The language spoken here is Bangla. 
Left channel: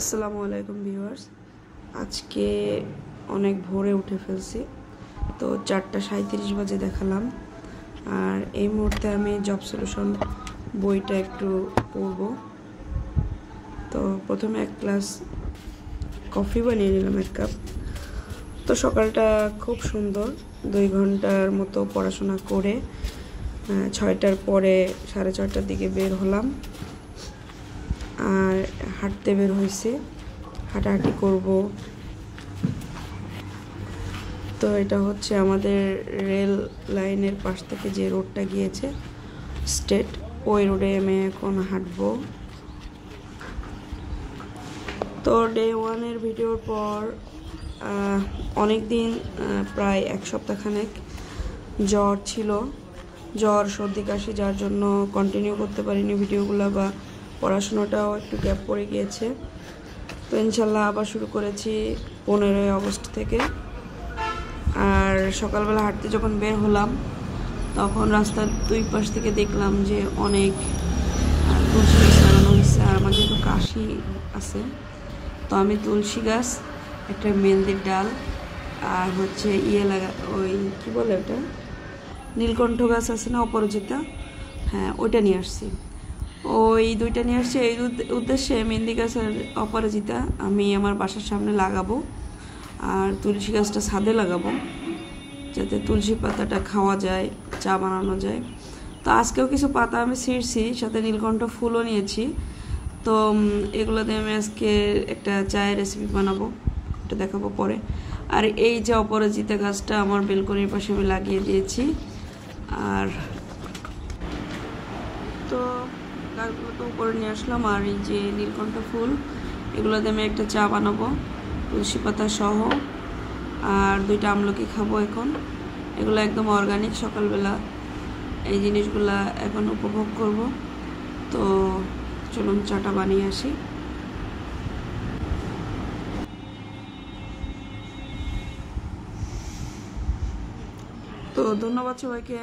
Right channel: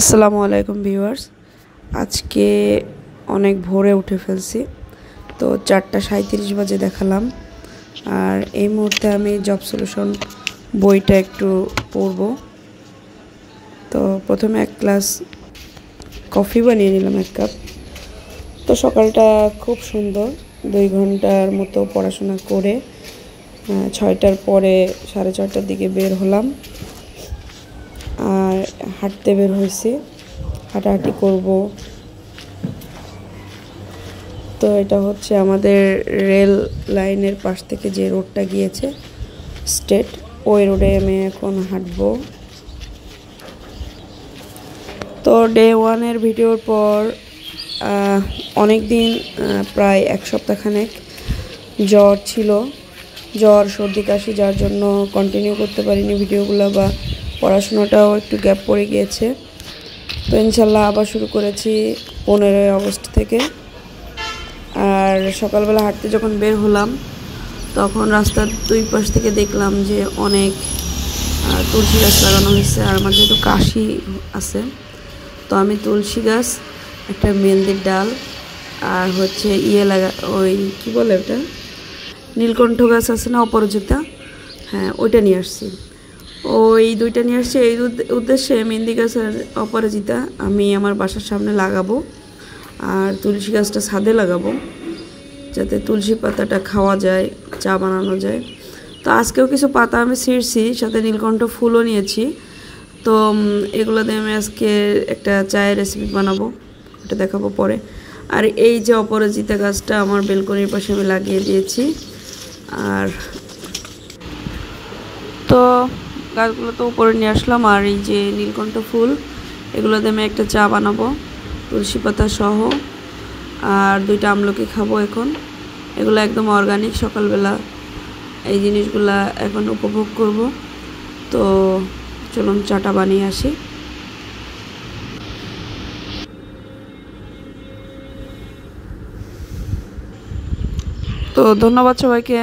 আসসালামু আলাইকুম ভিউয়ার্স। আজকে অনেক ভোরে উঠে ফেলছি, তো 4:37 বাজে দেখালাম। আর এই মুহূর্তে আমি জব সলিউশন বইটা একটু পড়ব। তো প্রথমে এক গ্লাস কফি বানিয়ে নিলাম, 1 কাপ। তো সকালটা খুব সুন্দর, 2 ঘন্টার মতো পড়াশোনা করে 6টার পরে 6:30টার দিকে বের হলাম। আর হাঁটতে বের হয়েছে, হাঁটাহাঁটি করব। তো এটা হচ্ছে আমাদের রেল লাইনের পাশ থেকে যে রোডটা গিয়েছে স্ট্রেট, ওই রোডে আমি এখন হাঁটবো। তো ডে 1-এর ভিডিওর পর অনেক দিন, প্রায় 1 সপ্তাহখানেক জ্বর ছিল, জ্বর সর্দি কাশি, যার জন্য কন্টিনিউ করতে পারিনি ভিডিওগুলো, বা পড়াশোনাটাও একটু গ্যাপ পড়ে গিয়েছে। তো ইনশাল্লাহ আবার শুরু করেছি 15ই আগস্ট থেকে। আর সকালবেলা হাঁটতে যখন বের হলাম, তখন রাস্তার 2 পাশ থেকে দেখলাম যে অনেক তুলসী গাছ লাগানো হয়েছে। আর আমার যেহেতু কাশি আছে, তো আমি তুলসী গাছ, একটা মেহেন্দির ডাল, আর হচ্ছে ওই কী বলে ওটা, নীলকণ্ঠ গাছ আছে না, অপরাজিতা, হ্যাঁ ওইটা নিয়ে আসছি। ওই 2টা নিয়ে আসছি এই উদ্দেশ্যে। মেহেন্দি গাছ আর অপরাজিতা আমি আমার বাসার সামনে লাগাবো, আর তুলসী গাছটা ছাদে লাগাবো, যাতে তুলসী পাতাটা খাওয়া যায়, চা বানানো যায়। তো আজকেও কিছু পাতা আমি ছিঁড়ছি, সাথে নীলকণ্ঠ ফুলও নিয়েছি। তো এগুলো দিয়ে আমি আজকে একটা চায়ের রেসিপি বানাবো, এটা দেখাবো পরে। আর এই যে অপরাজিতা গাছটা আমার বেলকনির পাশে আমি লাগিয়ে দিয়েছি। আর তো গাছগুলো তো উপরে নিয়ে আসলাম। আর এই যে নীলকণ্ঠ ফুল, এগুলো দিয়ে আমি একটা চা বানাবো তুলসী পাতা সহ। আর 2টা আমলকি খাবো এখন। এগুলো একদম অর্গানিক, সকালবেলা এই জিনিসগুলা এখন উপভোগ করব। তো চলুন চাটা বানিয়ে আসি। তো ধন্যবাদ সবাইকে।